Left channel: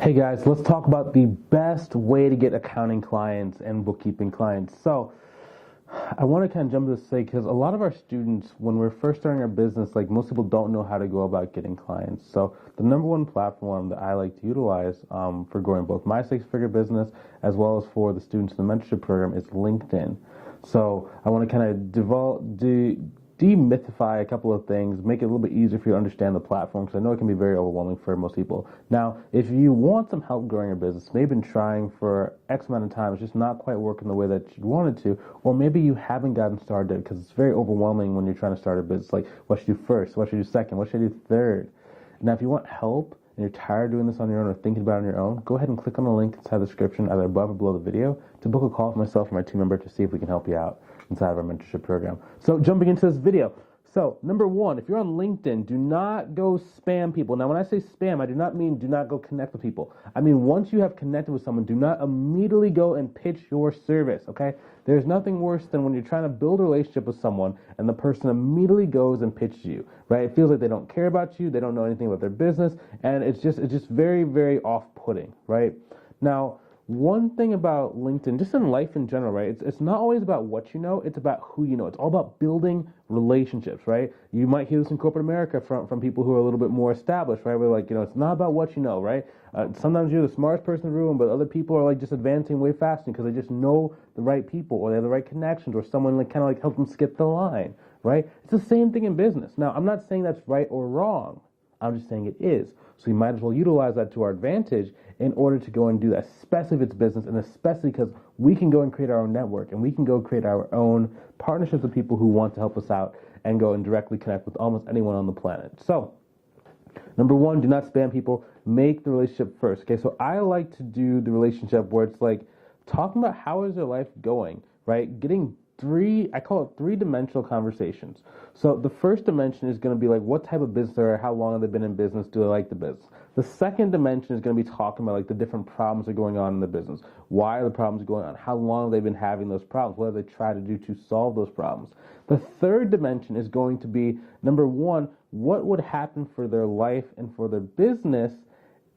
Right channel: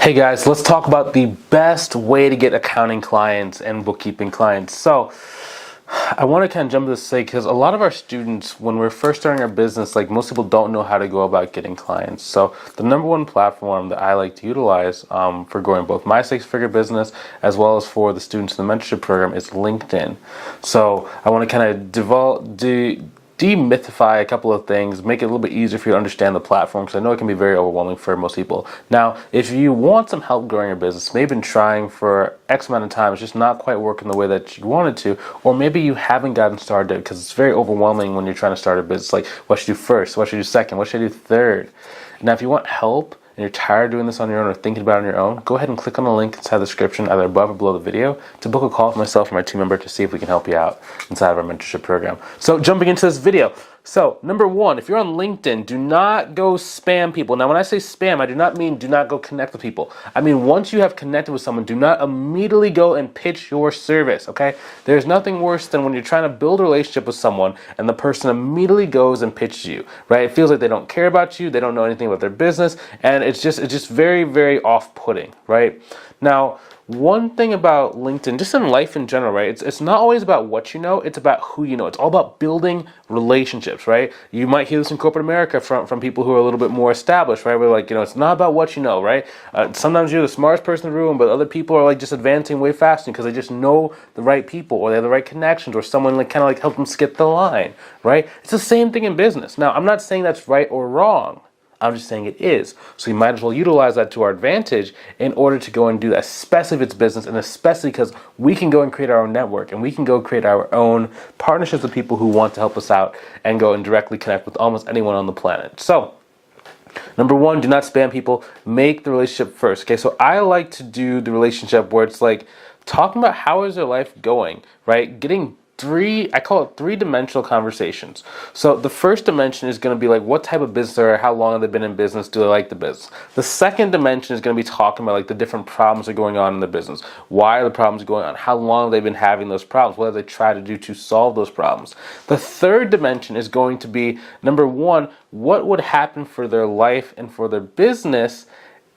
Hey guys, let's talk about the best way to get accounting clients and bookkeeping clients. So I want to kind of jump to this say because a lot of our students, when we're first starting our business, like most people don't know how to go about getting clients. So the number one platform that I like to utilize for growing both my six-figure business as well as for the students in the mentorship program is LinkedIn. So I want to kind of demythify a couple of things, make it a little bit easier for you to understand the platform, because I know it can be very overwhelming for most people. Now, if you want some help growing your business, maybe been trying for X amount of time, it's just not quite working the way that you wanted to, or maybe you haven't gotten started because it's very overwhelming when you're trying to start a business. Like, what should I do first? What should I do second? What should I do third? Now, if you want help, and you're tired of doing this on your own or thinking about it on your own, go ahead and click on the link inside the description, either above or below the video, to book a call with myself or my team member to see if we can help you out inside of our mentorship program. So jumping into this video. So number one, if you're on LinkedIn, do not go spam people. Now, when I say spam, I do not mean do not go connect with people. I mean, once you have connected with someone, do not immediately go and pitch your service, okay? There's nothing worse than when you're trying to build a relationship with someone and the person immediately goes and pitches you, right? It feels like they don't care about you, they don't know anything about their business, and it's just very, very off-putting, right? Now, one thing about LinkedIn, just in life in general, right? It's not always about what you know, it's about who you know. It's all about building relationships, right? You might hear this in corporate America from people who are a little bit more established, right? We're like, it's not about what you know, right? Sometimes you're the smartest person in the room, but other people are like just advancing way faster because they just know the right people, or they have the right connections, or someone like kind of like help them skip the line, right? It's the same thing in business. Now, I'm not saying that's right or wrong. I'm just saying it is. So you might as well utilize that to our advantage in order to go and do that, especially if it's business, and especially because we can go and create our own network, and we can go create our own partnerships with people who want to help us out and go and directly connect with almost anyone on the planet. So number one, do not spam people. Make the relationship first. Okay, so I like to do the relationship where it's like talking about how is their life going, right? I call it three-dimensional conversations. So the first dimension is going to be like, what type of business are, how long have they been in business, do they like the business? The second dimension is going to be talking about like the different problems that are going on in the business. Why are the problems going on? How long have they been having those problems? What have they tried to do to solve those problems? The third dimension is going to be, number one, what would happen for their life and for their business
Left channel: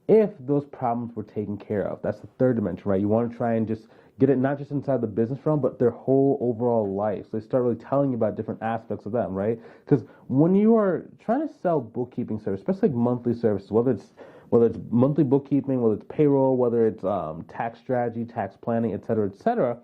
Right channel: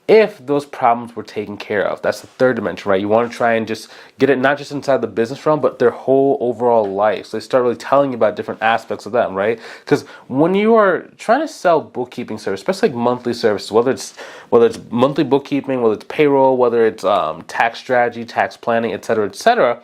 if those problems were taken care of. That's the third dimension, right? You want to try and just get it not just inside the business realm, but their whole overall life. So they start really telling you about different aspects of them, right? Because when you are trying to sell bookkeeping service, especially like monthly services, whether it's monthly bookkeeping, whether it's payroll, whether it's tax strategy, tax planning, et cetera,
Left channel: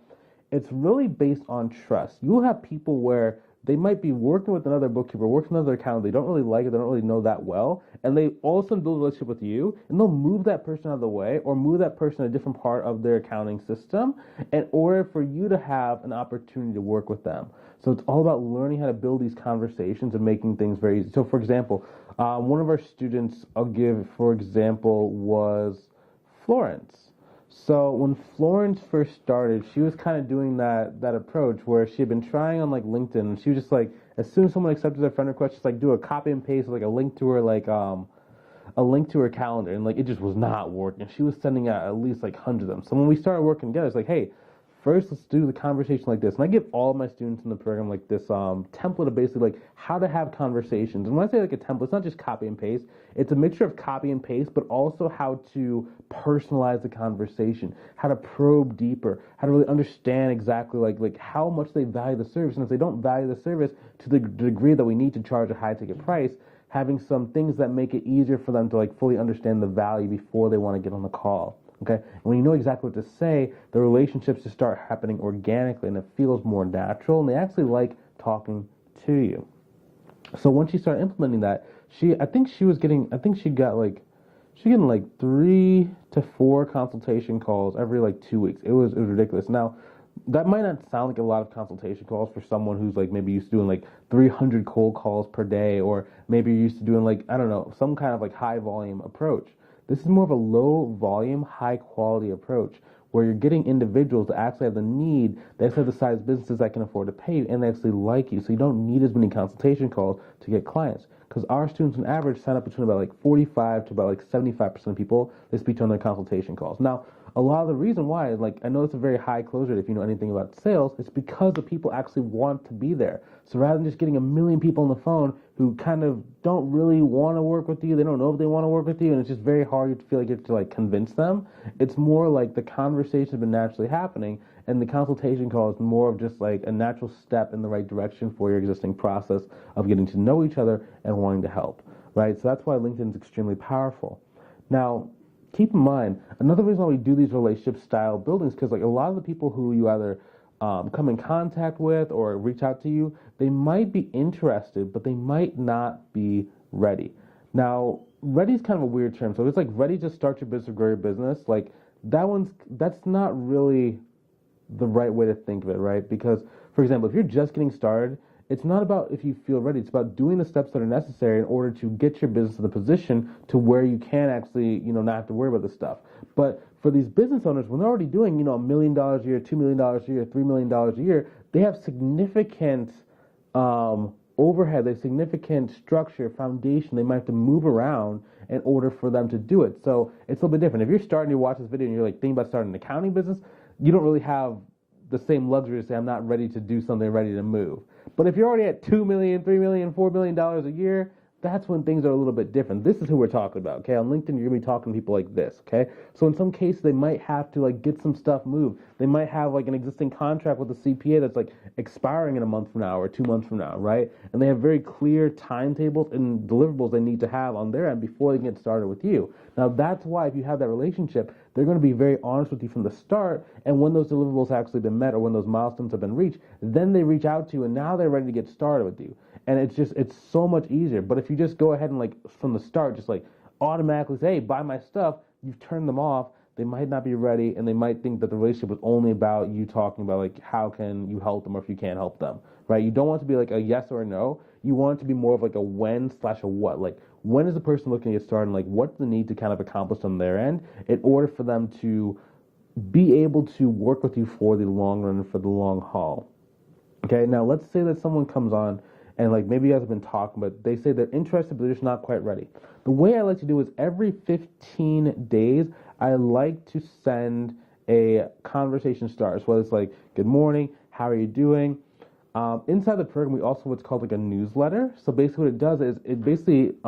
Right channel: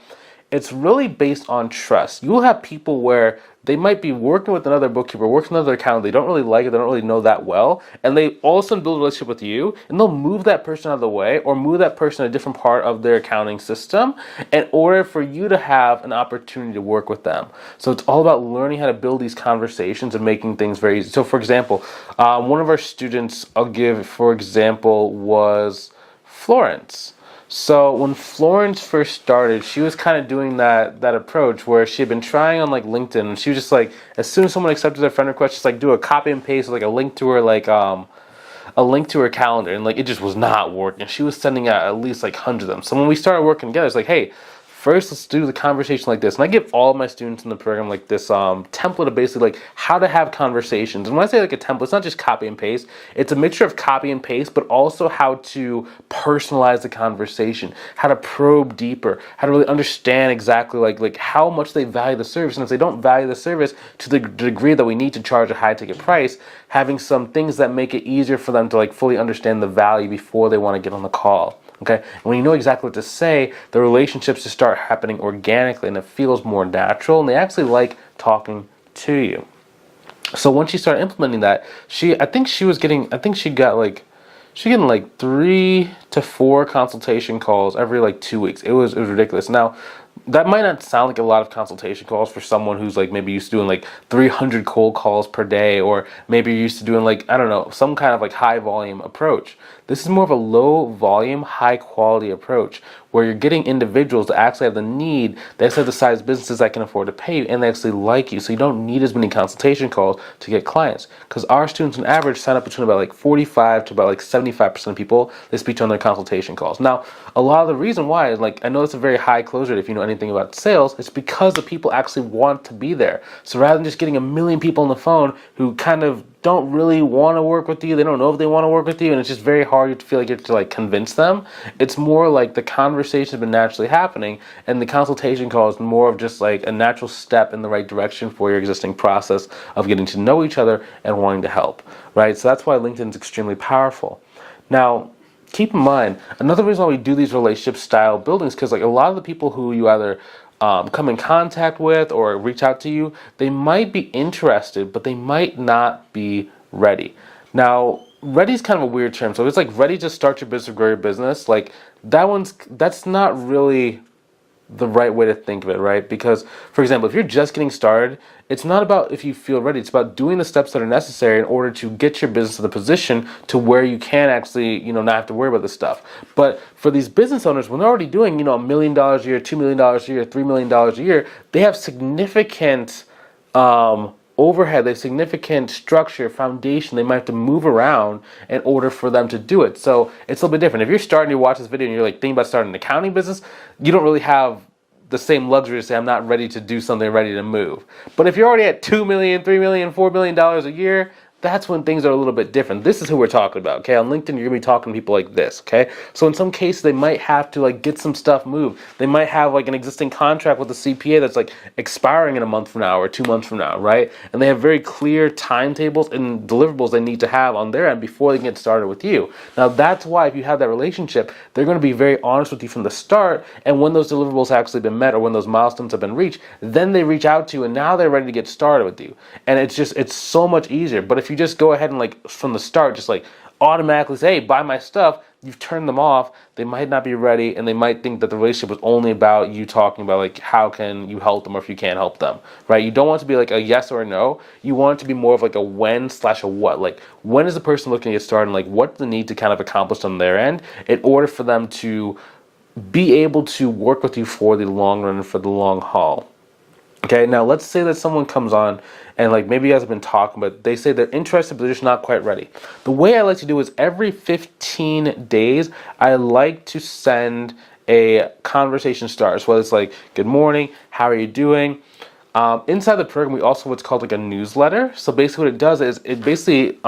it's really based on trust. You will have people where they might be working with another bookkeeper, working with another accountant, they don't really like it, they don't really know that well, and they all of a sudden build a relationship with you, and they'll move that person out of the way, or move that person to a different part of their accounting system in order for you to have an opportunity to work with them. So it's all about learning how to build these conversations and making things very easy. So for example, one of our students, I'll give for example, was Florence. So when Florence first started, she was kind of doing that approach where she had been trying on like LinkedIn, and she was just like, as soon as someone accepted their friend request, just like do a copy and paste, like a link to her, like a link to her calendar, and like it just was not working. She was sending out at least like hundreds of them. So when we started working together, it's like, hey, first, let's do the conversation like this. And I give all of my students in the program like this template of basically like how to have conversations. And when I say like a template, it's not just copy and paste. It's a mixture of copy and paste, but also how to personalize the conversation, how to probe deeper, how to really understand exactly like how much they value the service. And if they don't value the service to the degree that we need to charge a high ticket price, having some things that make it easier for them to like fully understand the value before they want to get on the call. Okay, and when you know exactly what to say, the relationships just start happening organically, and it feels more natural, and they actually like talking to you. So once she started implementing that, she got like 3 to 4 consultation calls every like 2 weeks. It was ridiculous. Now, that might not sound like a lot of consultation calls for someone who's like maybe used to doing like 300 cold calls per day, or maybe you're used to doing like, I don't know, some kind of like high volume approach. This is more of a low volume, high quality approach where you're getting individuals that actually have the need, they actually have the size businesses that can afford to pay you, and they actually like you. So you don't need as many consultation calls to get clients. Because our students on average sign up between about like 45 to about like 75% of people they speak to on their consultation calls. Now, a lot of the reason why is like, I know it's a very high close rate if you know anything about sales, it's because the people actually want to be there. So rather than just getting a million people on the phone who kind of don't really want to work with you. They don't know if they want to work with you, and it's just very hard to feel like you have to like convince them. It's more like the conversation has been naturally happening, and the consultation call is more of just like a natural step in the right direction for your existing process of getting to know each other and wanting to help, right? So that's why LinkedIn is extremely powerful. Now, keep in mind, another reason why we do these relationship style buildings, because like a lot of the people who you either come in contact with or reach out to you, they might be interested, but they might not be ready. Now, ready is kind of a weird term. So it's like ready to start your business or grow your business. Like that's not really the right way to think of it, right? Because, for example, if you're just getting started, it's not about if you feel ready. It's about doing the steps that are necessary in order to get your business to the position to where you can actually, not have to worry about this stuff. But for these business owners, when they're already doing, $1 million a year, $2 million a year, $3 million a year, they have significant overhead, they have significant structure, foundation they might have to move around in order for them to do it. So it's a little bit different. If you're starting to watch this video and you're like thinking about starting an accounting business, you don't really have the same luxury to say, I'm not ready to do something, ready to move. But if you're already at $2 million, $3 million, $4 million a year, that's when things are a little bit different. This is who we're talking about, okay? On LinkedIn, you're gonna be talking to people like this, okay? So in some cases, they might have to like get some stuff moved. They might have like an existing contract with a CPA that's like expiring in a month from now or 2 months from now, right? And they have very clear timetables and deliverables they need to have on their end before they can get started with you. Now, that's why if you have that relationship, they're gonna be very honest with you from the start, and when those deliverables have actually been met or when those milestones have been reached, then they reach out to you and now they're ready to get started with you. And it's so much easier. But if you just go ahead and like from the start just like automatically say, hey, buy my stuff, you've turned them off. They might not be ready, and they might think that the relationship was only about you talking about like how can you help them or if you can't help them, right? You don't want it to be like a yes or a no. You want it to be more of like a when/a what. Like, when is the person looking to get started, and like what's the need to kind of accomplish on their end in order for them to be able to work with you for the long run and for the long haul. Okay, now let's say that someone comes on and like maybe you guys have been talking, but they say they're interested, but they're just not quite ready. The way I like to do is every 15 days, I like to send a conversation starter. So whether it's like, good morning, how are you doing? Inside the program, we also have what's called like a newsletter. So basically what it does is it basically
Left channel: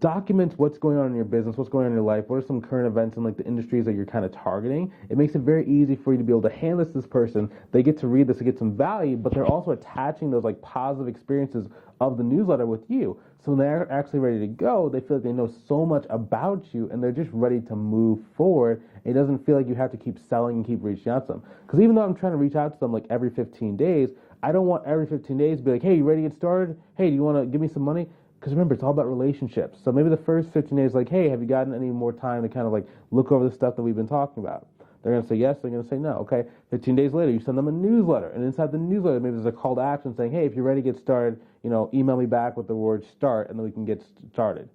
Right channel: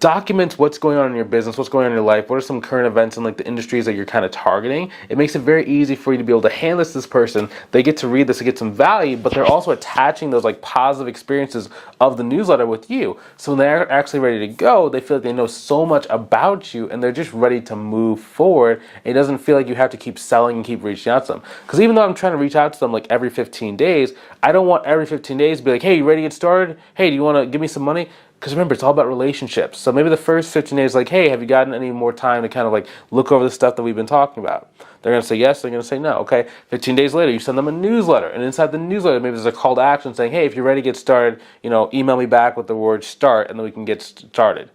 documents what's going on in your business, what's going on in your life, what are some current events in like the industries that you're kind of targeting. It makes it very easy for you to be able to hand this to this person. They get to read this and get some value, but they're also attaching those like positive experiences of the newsletter with you. So when they're actually ready to go, they feel like they know so much about you and they're just ready to move forward. It doesn't feel like you have to keep selling and keep reaching out to them. Because even though I'm trying to reach out to them like every 15 days, I don't want every 15 days to be like, hey, you ready to get started? Hey, do you want to give me some money? Because remember, it's all about relationships. So maybe the first 15 days, like, hey, have you gotten any more time to kind of like look over the stuff that we've been talking about? They're going to say yes, they're going to say no. Okay, 15 days later, you send them a newsletter. And inside the newsletter, maybe there's a call to action saying, hey, if you're ready to get started, email me back with the word start, and then we can get started.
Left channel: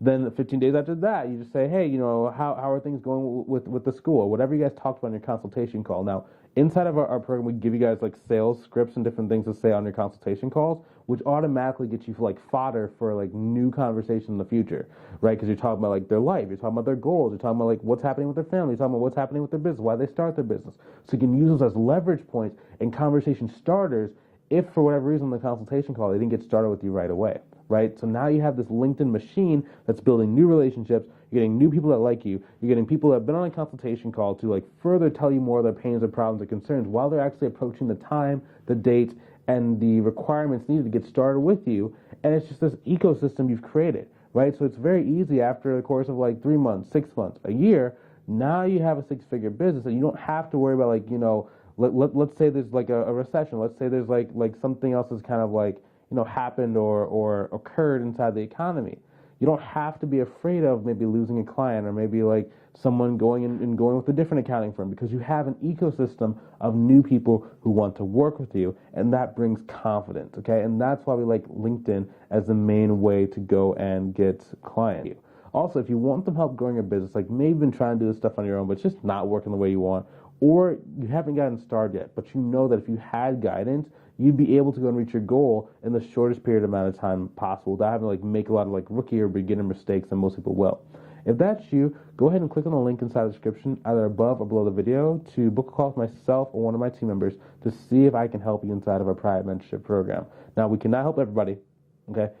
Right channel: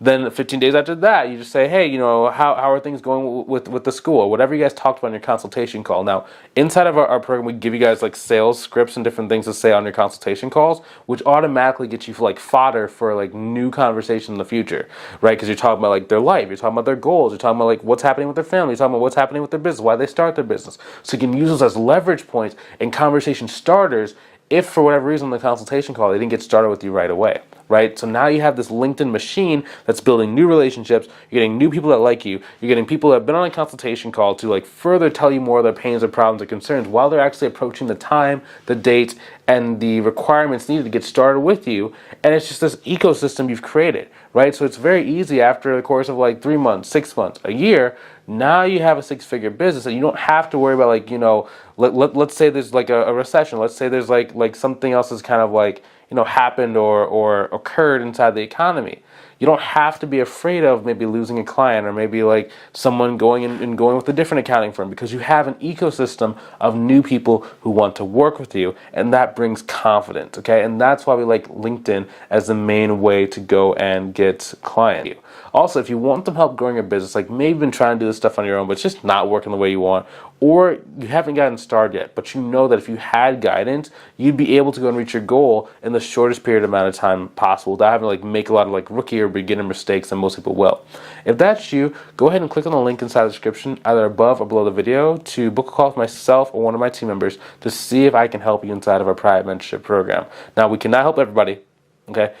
Then 15 days after that, you just say, hey, how are things going with the school? Or whatever you guys talked about in your consultation call. Now, inside of our program, we give you guys like sales scripts and different things to say on your consultation calls, which automatically get you like fodder for like new conversation in the future, right? Because you're talking about like their life, you're talking about their goals, you're talking about like what's happening with their family, you're talking about what's happening with their business, why they start their business. So you can use those as leverage points and conversation starters if for whatever reason in the consultation call they didn't get started with you right away, right? So now you have this LinkedIn machine that's building new relationships. You're getting new people that like you. You're getting people that have been on a consultation call to like further tell you more of their pains or problems or concerns while they're actually approaching the time, the date, and the requirements needed to get started with you. And it's just this ecosystem you've created, right? So it's very easy after the course of like 3 months, 6 months, a year. Now you have a 6-figure business and you don't have to worry about like, let's say there's like a recession. Let's say there's like something else is kind of like, happened or occurred inside the economy. You don't have to be afraid of maybe losing a client or maybe like someone going and going with a different accounting firm, because you have an ecosystem of new people who want to work with you, and that brings confidence, okay? And that's why we like LinkedIn as the main way to go and get clients. Also, if you want some help growing your business, like maybe you've been trying to do this stuff on your own, but it's just not working the way you want, or you haven't gotten started yet, but you know that if you had guidance, you'd be able to go and reach your goal in the shortest period amount of time possible without having to like make a lot of like rookie or beginner mistakes that most people will. If that's you, go ahead and click on the link inside the description, either above or below the video, to book a call with myself or one of my team members to see if I can help you inside of our private mentorship program. Now, we cannot help everybody, okay?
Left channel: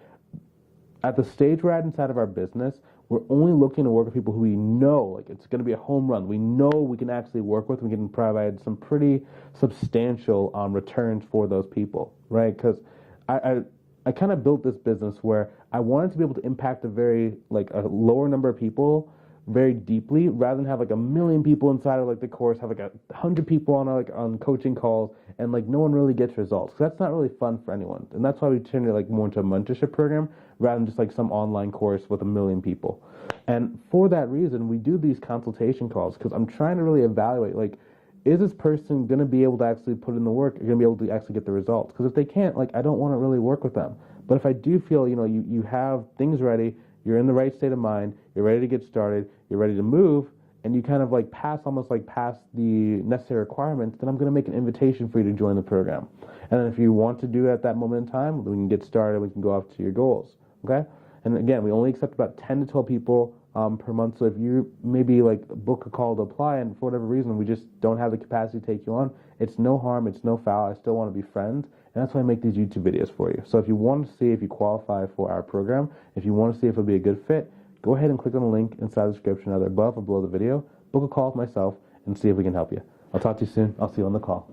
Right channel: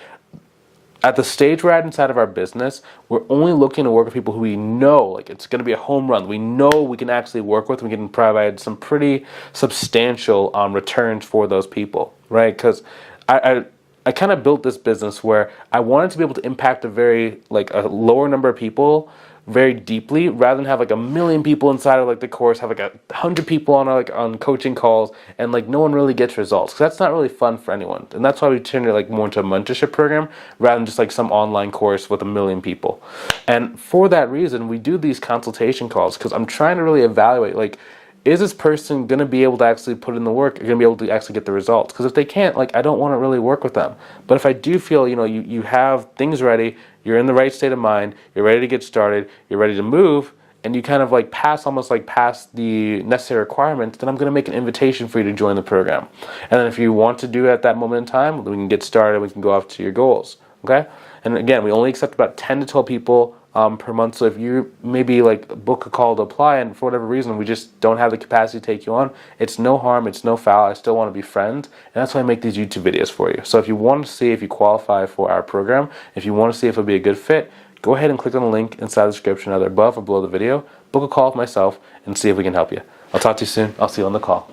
at the stage we're at inside of our business, we're only looking to work with people who we know, like it's going to be a home run. We know we can actually work with, we can provide some pretty substantial returns for those people, right? Because I kind of built this business where I wanted to be able to impact a lower number of people very deeply, rather than have like a million people inside of like the course, have like 100 people on coaching calls, and like no one really gets results. Because that's not really fun for anyone, and that's why we turned it like more into a mentorship program rather than just like some online course with a million people. And for that reason, we do these consultation calls because I'm trying to really evaluate, like, is this person going to be able to actually put in the work? Are going to be able to actually get the results? Because if they can't, like, I don't want to really work with them. But if I do feel, you have things ready, you're in the right state of mind, you're ready to get started, you're ready to move, and you kind of like almost pass the necessary requirements, then I'm going to make an invitation for you to join the program. And then if you want to do it at that moment in time, we can get started, we can go off to your goals, okay? And again, we only accept about 10 to 12 people per month. So if you maybe like book a call to apply, and for whatever reason we just don't have the capacity to take you on, it's no harm, it's no foul. I still want to be friends, and that's why I make these YouTube videos for you. So if you want to see if you qualify for our program, if you want to see if it'll be a good fit, go ahead and click on the link inside the description, either above or below the video. Book a call with myself and see if we can help you. I'll talk to you soon. I'll see you on the call.